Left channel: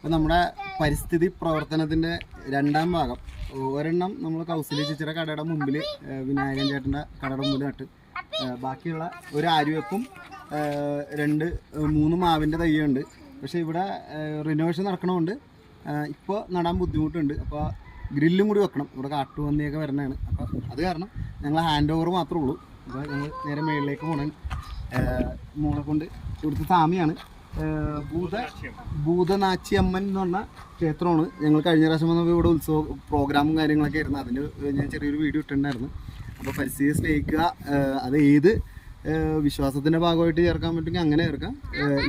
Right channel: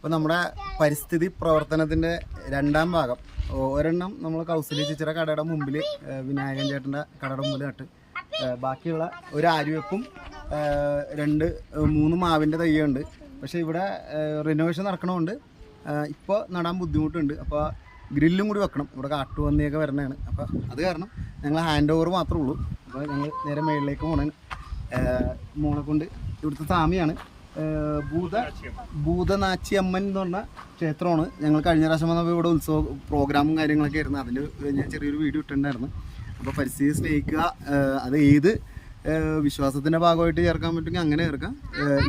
അപ്പോൾ നമ്മുടെ പരിസ്ഥിതി പ്രവർത്തനത്തിൻ്റെ രണ്ടാം ഭാഗം ഒരെണ്ണം നമ്മൾ കൗസല്യ ചേച്ചിയുടെ കടയുടെ മുമ്പിൽ വിനായകൻ ചേട്ടൻ്റെ കടയുടെ മുമ്പിൽ നട്ട് ബാക്കിയുള്ള ഒരു ആര്യവേപ്പും 2-3 മാവിൻ്റെ തയ്യുണ്ട്. പക്ഷേ ഇവിടെ റിനോവേഷൻ നടക്കണമുണ്ട്, ഇപ്പോൾ നടാൻ ബുദ്ധിമുട്ടുണ്ട്. അപ്പോൾ ഗ്രില്ലും കൂടി വെക്കണം, ഇവിടെ കാട്ടുപന്നിയൊക്കെ വരുന്നതാണ്. അപ്പോൾ അത് കാരണം ഞങ്ങൾ ഹാൻഡ് ഓവർ മാത്രമേ ഉള്ളൂ. അപ്പോൾ ഞങ്ങൾ നേരെ മേളിലേക്ക് പോകണം. മോളെ കൊണ്ട് ഇവിടുത്തെ സ്വാമിയാണ് ഭൂതനാച്ചിയമ്മൻ എന്ന് പറഞ്ഞ ക്ഷേത്രമാണ്. ഞങ്ങൾ കഴിഞ്ഞ പ്രാവശ്യം വന്നപ്പോൾ ഇവിടെ ഉത്സവ പ്രോഗ്രാമും കാര്യങ്ങളൊക്കെ ആയിരുന്നു. അതിന് ഞാൻ ചെറിയൊരു വീഡിയോ ഇട്ടിട്ടുണ്ടായിരുന്നു. അപ്പോൾ പരിസ്ഥിതിയെ സ്നേഹിക്കുക, അത് ഏത് വിശ്വാസത്തിൻ്റെ ഭാഗമായിട്ട് ചേർക്കാൻ പറ്റുമെങ്കിൽ അങ്ങനെ ചേർക്കാം,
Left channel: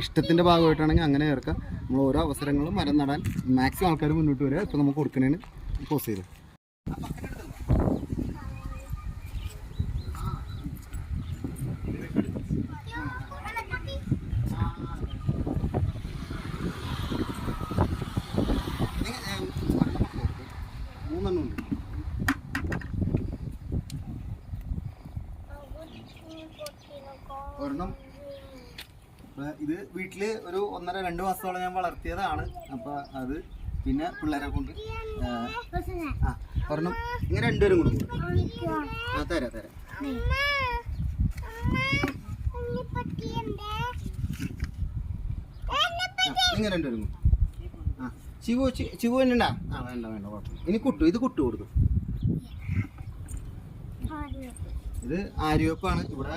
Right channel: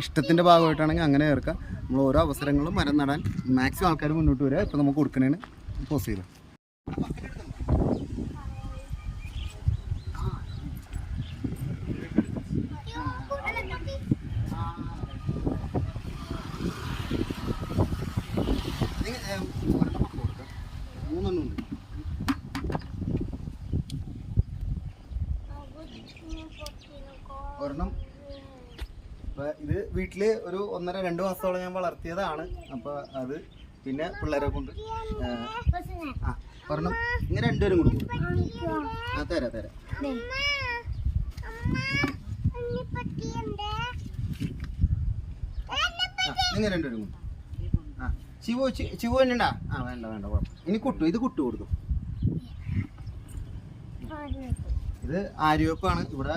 ഇഷ്ടത്തിൻ്റെ ഭാഗമായിട്ടാണെങ്കിൽ അങ്ങനെ ചേർക്കാം. നമ്മൾ ഓരോ അവസരങ്ങളും മരം നടാൻ മാക്സിമം ആൾക്കാർ മുന്നോട്ട് വരിക. ഇപ്പോൾ നമുക്ക് കൊടുക്കണേന് പോസ് ചെയ്തു. ഒരെണ്ണം ഇത് വീട്ടിൽ ഒരു 1.5-2 മാസത്തോളം ഞാൻ വളർത്തിയതാണ്. അപ്പോൾ അത് പിന്നെ പിള്ളേരെ കൊണ്ട് ഒരെണ്ണം ഇങ്ങനെ 2 പേരും കൊടുക്കും. തരാം ഇങ്ങനെ 2 പേരും കൊടുക്കും. ശിവു തന്നെണ്ടാ? വേണ്ട കുഴപ്പം. ഇനി ഇത് കുട്ടു കൊടുക്കും. ഇത് ആര്യവേപ്പാണ്. ഇവിടെ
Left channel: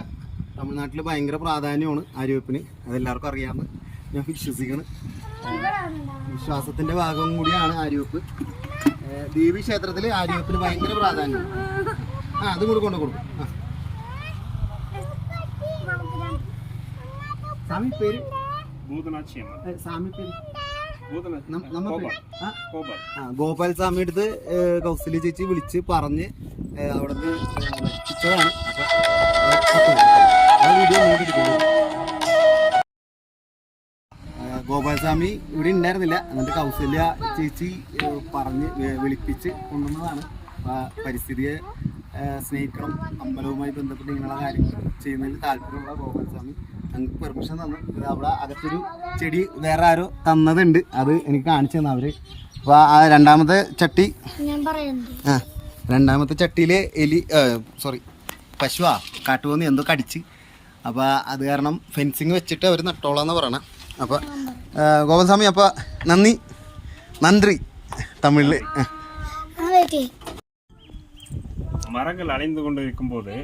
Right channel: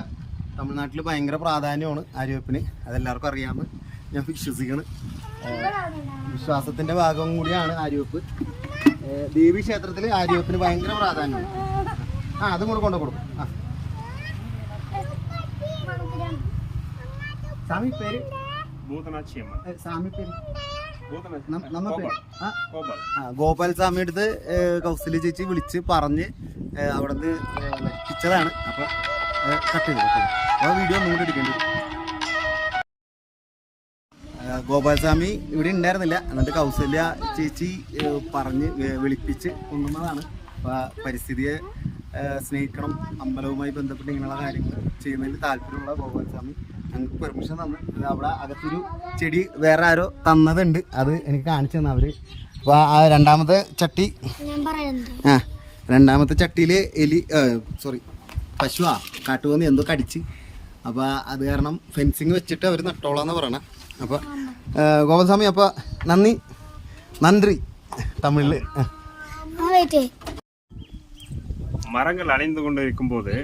തമിഴ്നാട്ടിൽ ഭയങ്കര പ്രാധാന്യമാണ് ആര്യവേപ്പിന്, അതെല്ലാവർക്കും അറിയാമെന്ന് ഞാൻ വിശ്വസിക്കുന്നു. വിശ്വാസത്തിൻ്റെ ഭാഗം കൂടിയാണ് ആര്യവേപ്പ്. ദേവി ക്ഷേത്രത്തിൽ ആര്യവേപ്പിന് ഭയങ്കര പ്രാധാന്യമാണ്. അതും കൂടെ കൊണ്ടു കൊടുക്കും. സ്വാമി പേര് സ്വാമി പേര് ഗോപാൽ സ്വാമി അടുത്ത് കൗസല്യ ചേച്ചി വിളിച്ച് പറഞ്ഞ് അവിടുന്ന് എത്തിച്ചതാണ്. വീഡിയോ മുൻകെടുക്കുന്നത് ഗോപാൽ സ്വാമി ഇവിടെ ഉണ്ടായിരുന്നില്ല. എന്നിട്ട് കൗസല്യ ചേച്ചി പറഞ്ഞ് വിളിപ്പിച്ച് കൊണ്ടുവന്നതാണ്. പരിസ്ഥിതിയെ സ്നേഹിക്കണം, അമ്പലവുമായി ബന്ധപ്പെട്ട് ഇങ്ങനെയുള്ള കാര്യങ്ങൾ ചെയ്യുന്നതിൽ താല്പര്യമുള്ള ഗോപാൽ സ്വാമി ഞങ്ങൾക്ക് പെർമിഷൻ തന്നു. അവിടെ അകത്തൊരു ചെടി വേറെ ആരോ തന്നതുണ്ട്, അത് എനിക്ക് കാണിച്ചു തന്നു അവർ. അപ്പോൾ ആ രണ്ടാമത്തെ ചട്ടിയിൽ പശുവാ കാട്ടുപന്നി എന്തോ കടിച്ച്, അപ്പോൾ അത് കാരണം ഫെൻസിങ് വെച്ചിട്ട് അവർ നട്ടോളാന്ന് പറയണം. അപ്പോൾ ഗോപാൽസ്വാമി അപ്പോൾ നന്ദി തമിഴിൽ. மரங்கள் அழிந்து கொண்டு இருக்கும்போது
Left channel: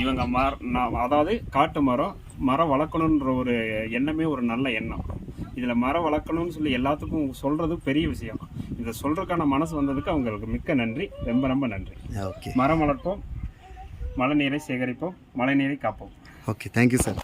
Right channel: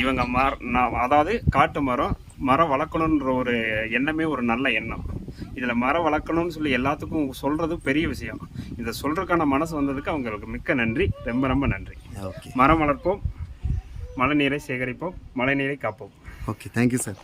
இவங்க அதாவது காட்டு மரம் வளர்க்கணுன்ற ஒரு எண்ணமே ஒரு நல்ல எண்ணம். இதில் மரம் வளர்க்கணும்னு சொல்லி எல்லாத்துக்கும் சொல்கிறது பெரிய விஷயம். இதை சொல்கிறதுக்கான மனசு வந்ததுக்கு அவங்களுக்கு மிக்க நன்றி, ரொம்ப நன்றி. மரம் வளர்ப்போம், மழை நீரை சேகரிப்போம், மழை நீரை காப்போம். Okay, thank you sir.